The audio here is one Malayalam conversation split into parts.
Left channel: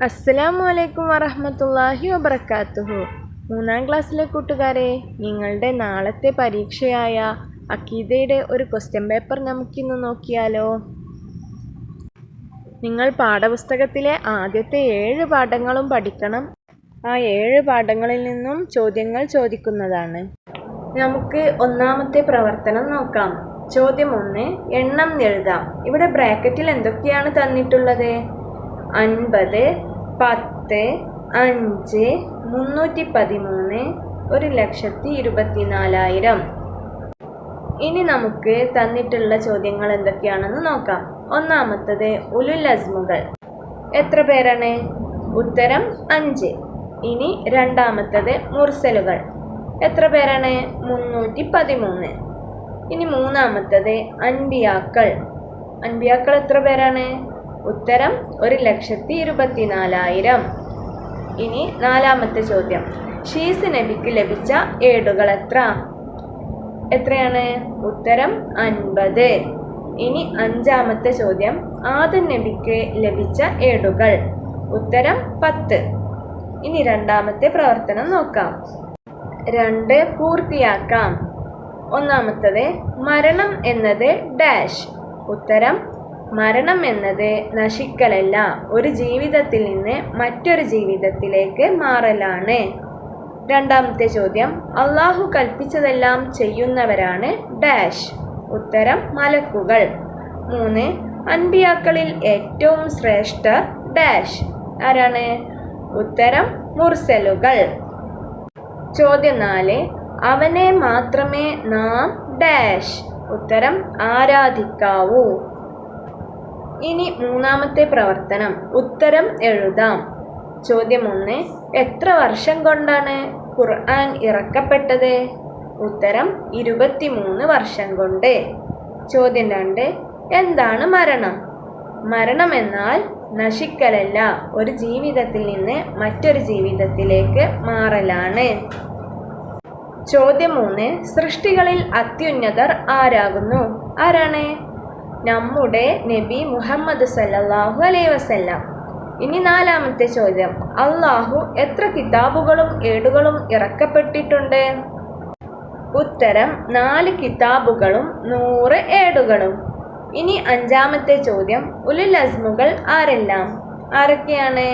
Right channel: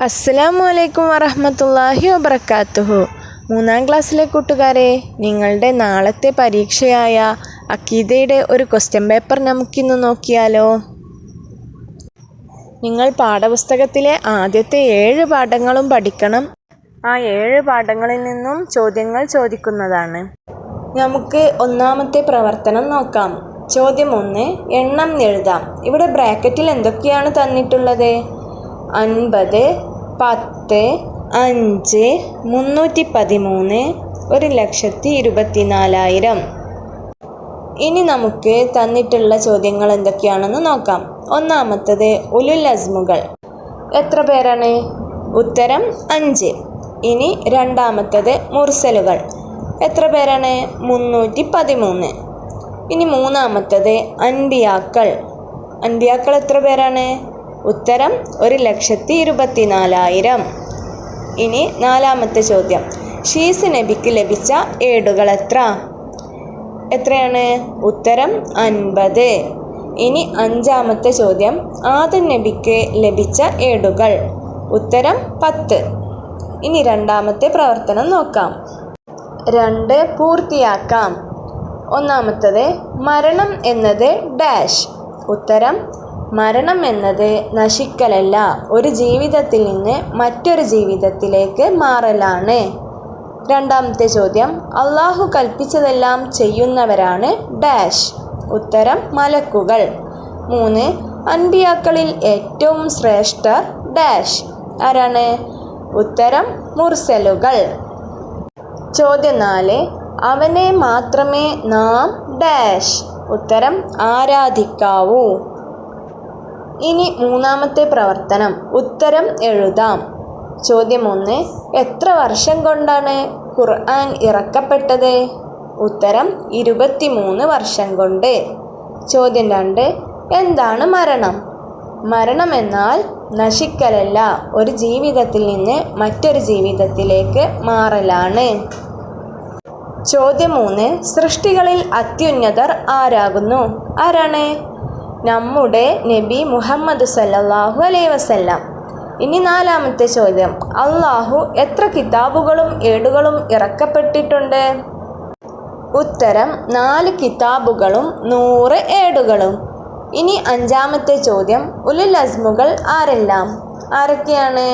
അസ്സലാമു അലൈക്കും വറഹമത്തല്ലാഹി വബർക്കാത്തുഹു മൂന്നാം ക്ലാസ്സിലെ കൂട്ടുകാരെ നിങ്ങളുടെ നാളത്തെ പരീക്ഷയായ അക്കീതയുടെ ഒരു ക്വസ്റ്റ്യൻ പേപ്പർ നമുക്കിന്ന് നോക്കിയാലോ? നിങ്ങൾ പാഠപുസ്തകത്തിലെ ആദ്യത്തെ ഏഴ് പാഠങ്ങളും പഠിക്കണം. ആ ഏഴ് പാഠങ്ങളിൽ നിന്നും ചോദ്യങ്ങൾ ചോദിക്കുന്നതാണ്. നമുക്ക് ഒന്നാമത്തെ പ്രവർത്തനം നോക്കാം. ചോദ്യം ഒന്ന് എണ്ണം എഴുതാം. ഇവിടെ ബ്രാക്കറ്റിൽ എന്തൊക്കെയാണ് തന്നിട്ടുള്ളത്? അൻപത് പത്ത് അഞ്ച് മുന്നൂറ്റി പതിമൂന്ന് ഒരു ലക്ഷത്തി ഇരുപത്തി നാലായിരം ഇനി നമുക്ക് തന്നിട്ടുള്ള ചോദ്യങ്ങൾ എന്തൊക്കെയാണെന്ന് നോക്കാം. ഒന്നാമത്തത് ഉലുൽ അസ്മുകൾ. എത്ര പേരാണ്? ഉത്തരം അഞ്ച്. ഇനി രണ്ടാമത്തത് മുർസലുകൾ. എത്ര പേരാണ്? മുന്നൂറ്റി പതിമൂന്ന്. ഇനി മൂന്നാമത്തത് അൻബിയാക്കൾ. അൻബിയാക്കൾ എത്ര പേരാണ്? ഉത്തരം ഒരു ലക്ഷത്തി ഇരുപത്തി നാലായിരം ഇനി നാലാമത്തെ ചോദ്യം. ഷീസ് നബിക്ക് ലഭിച്ച ഏടുകൾ എത്ര എത്രയാണ്? ഉത്തരം അൻപത്. ഇനി അഞ്ചാമത്തെ ചോദ്യം. ആദം നബിക്ക് ലഭിച്ച ഏടുകൾ. ഉത്തരം പത്ത്. ഇനി രണ്ടാമത്തെ പ്രവർത്തനം നോക്കാം. രണ്ട് പൂർത്തിയാക്കാം. ഒന്നാമത്തത് മരണം എന്നത് ഡാഷ്. ഉത്തരം മരണം എന്നത് നശിക്കലല്ല. ഒരു ജീവിതത്തിൽ നിന്ന് മറ്റൊരു ജീവിതത്തിലേക്ക് മാറലാണ്. രണ്ടാമത്തെ ചോദ്യം അള്ളാഹു കൽപ്പിച്ചതെല്ലാം ചെയ്യുന്നവരാണ് ഡാഷ്. ഉത്തരം മലക്കുകൾ. മൂന്ന് അൻപിയാക്കളിൽ ഏറ്റവും ശ്രേഷ്ഠർ ഡാഷ്. ആരാണ്? ഉത്തരം മുർസലുകൾ. ചോദ്യം നാല് അവനെ മാത്രമേ നാം ഡാഷ്. ഉത്തരം ആരാധിക്കാവൂ. ഇനി മൂന്നാമത്തെ പ്രവർത്തനം. ഉത്തരം എഴുതാം. ചോദ്യം ഒന്ന് എത്ര വർഷം കൊണ്ടാണ് ഖുർആൻ ഇറക്കപ്പെട്ടത്? ഉത്തരം ഇരുപത്തിമൂന്ന് വർഷം കൊണ്ട്. ചോദ്യം രണ്ട് എന്താണ് മരണം? മരണം എന്നാൽ നശിക്കലല്ല ഒരു ജീവിതത്തിൽ നിന്ന് മറ്റൊരു ജീവിതത്തിലേക്ക് മാറലാണ്. ചോദ്യം മൂന്ന് സൃഷ്ടികളിൽ അത്യുന്നതർ ആരാകുന്നു? ആരാണ്? നമ്മുടെ നബി മുഹമ്മദ് സല്ലല്ലാഹു അലൈ വസല്ലം. ഇനി നാലാമത്തെ ചോദ്യം. അള്ളാഹു എത്ര കിതാബുകളും ഏടുകളും ഇറക്കപ്പെട്ടിട്ടുണ്ട്? ഉത്തരം നാല് കിതാബുകളും നൂറ് ഏടുകളും. ഇനി അഞ്ചാമത്തെ ചോദ്യം. ഉലുൽ അസ്മുകൾ ആരെല്ലാം? ആരൊക്കെയാണ്?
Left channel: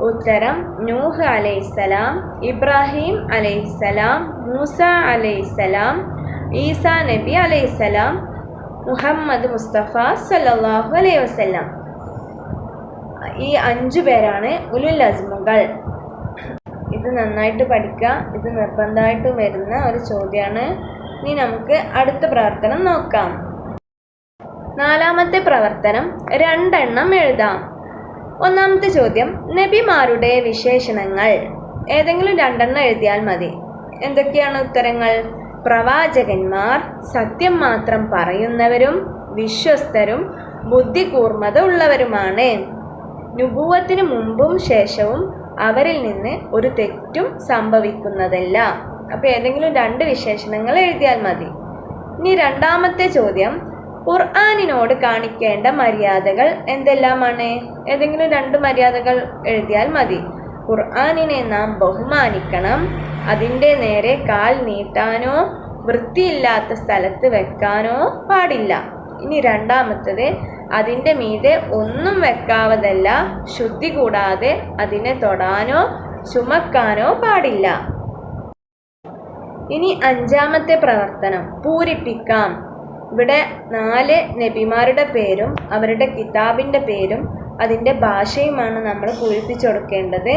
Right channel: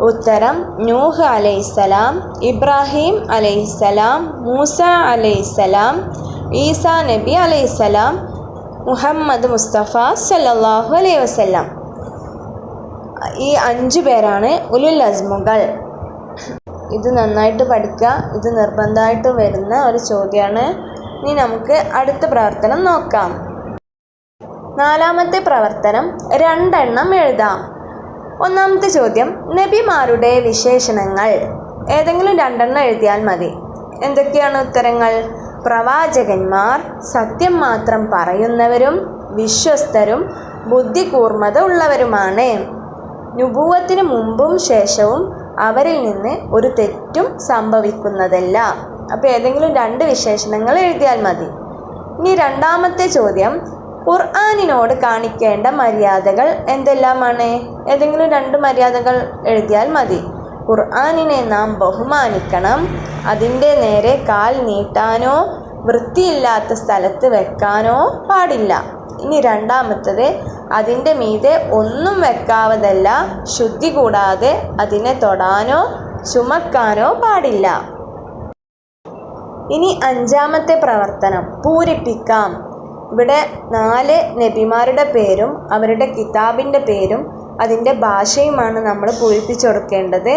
ഉത്തരം നൂഹ് അലൈസലാം ഇബ്രാഹിം അലൈസലാം മൂസ അലൈസലാം ഈസാ നബി അലൈസലാം മുഹമ്മദ് മുസ്തഫ സല്ലാഹു അലൈ വസല്ലം. ഈ അഞ്ചു പേരാണ് ഉലുൽ അസ്മുകൾ. ഇത് നന്നായിട്ട് പഠിക്കുക. ഇത് നിർബന്ധമായിട്ട് വരുന്ന ഒരു ചോദ്യമാണ്. ഇനി നമുക്ക് അടുത്ത പ്രവർത്തനം നോക്കാം. നാലാമത്തെ പ്രവർത്തനം രണ്ടെണ്ണം എഴുതാം. ഒന്നാമത്തെ ചോദ്യം നബിമാരുടെ വിശേഷണങ്ങൾ. ഏതെങ്കിലും രണ്ടെണ്ണം എഴുതിയാൽ മതി. എന്തൊക്കെയാണ് ഉത്തരങ്ങൾ? പ്രവാചകന്മാർ സത്യം മാത്രം പറയുന്നവരും വിശ്വസ്തരും ബുദ്ധികൂർമ്മത ഉള്ളവരുമാണ് നുപൂവത്തിന് മുമ്പും ശേഷവും അവരിൽ നിന്ന് ഒരു തെറ്റും സംഭവിക്കുന്നതല്ല. അപ്പോൾ ഏതെങ്കിലും രണ്ട് വിശേഷണങ്ങൾ എഴുതിയാൽ മതി. ഇനി രണ്ടാമത്തെ ചോദ്യം ഖുർആാനിനോട് കാണിക്കേണ്ട മര്യാദകൾ എന്തെല്ലാമാണ്? ഏതെങ്കിലും രണ്ട് മര്യാദകൾ എഴുതിയാൽ മതി. ഖുർആാനിനെ നാം ബഹുമാനിക്കണം. അതിന്റെ നേരെ കാൽ നീട്ടാനോ വൃത്തിയില്ലാത്ത സ്ഥലത്ത് വെക്കാനോ പാടില്ല. ഇനി രണ്ടാമത്തത് അതിന്റെ മീതെ ഒന്നും വെക്കാവതല്ല ശുദ്ധി കൂടാതെ അതിനെ തൊടാനോ ചുമക്കാനോ പാടില്ല. ഇനി അഞ്ചാമത്തെ പ്രവർത്തനം പൂരിപ്പിക്കാം. ഇവിടെ നാല് നബിമാരുടെ പേരും അവരുടെ കിതാബിന്റെ പേരും അതിന്റെ ഭാഷയുമാണ് നമ്മൾ പൂരിപ്പിച്ചു കൊടുക്കേണ്ടത്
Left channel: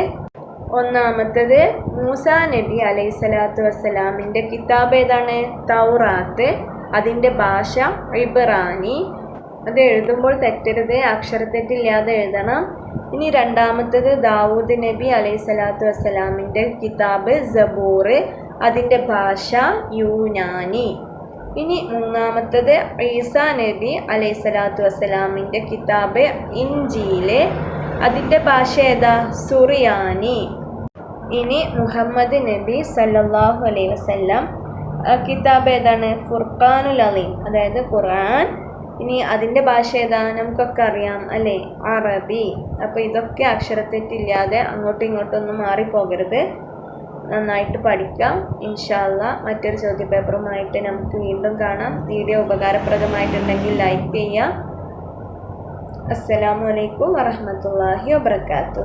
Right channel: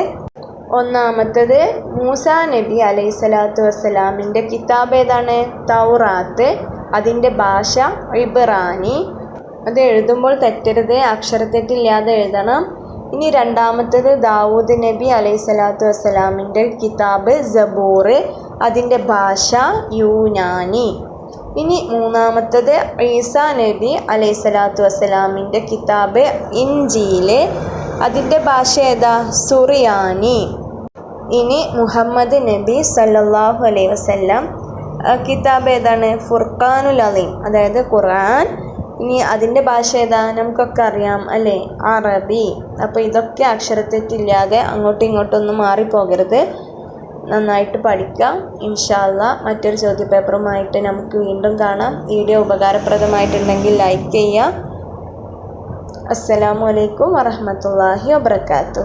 ഒന്നാമത്തത് മൂസ നബി അലൈഹി സ്വലാത്തു വസ്സലാമിന്റെ കിതാബ് ഏതാണ്? തൗറാത്ത്. അതിന്റെ ഭാഷ ഇബ്രാനി. അത് എഴുതുമ്പോൾ തെറ്റരുത് അക്ഷരത്തെറ്റില്ലാതെ എഴുതണം. ഇനി രണ്ടാമത്തത് ദാവൂദ് നബി അലൈഹി സ്വലാത്തു വസ്സലാമിന്റെ കിതാബ് ജബൂർ അതിന്റെ ഭാഷ യൂനാനി. ഇനി മൂന്നാമത്തത് ഈസാ നബി അലൈഹി സ്വലാത്തു വസ്സലാമിന്റെ കിതാബ് ഇഞ്ചിയിലെ അതിന്റെ ഭാഷ ഏതാ? സുറിയാനി. ഇനി മുഹമ്മദ് നബി സല്ലാഹു അലൈഹി വസല്ലം കിതാബ് ഏതാണ്? ഫുർഖാനുൽ അലീം അതായത് ഖുർആൻ. ഇനി അതിന്റെ ഭാഷ ഏതാ? നമുക്കൊക്കെ അറിയാം അല്ലേ? അറബി. അപ്പോൾ ഇതൊക്കെ അക്ഷരത്തെറ്റില്ലാതെ അങ്ങോട്ടും ഇങ്ങോട്ടൊന്നും മാറിപ്പോകരുത്. നന്നായിട്ട് പഠിക്കാം. ഇൻഷാല്ല മറ്റൊരു ചോദ്യപേപ്പറുമായിട്ട് നമുക്ക് വീണ്ടും കാണാം. വീഡിയോ ഉപകാരപ്രദമായിട്ടുണ്ടെങ്കിൽ ലൈക്ക് ചെയ്യുക അസ്സലാമു അലൈക്കും വറഹമത്തല്ലാഹി വബർക്കാത്തു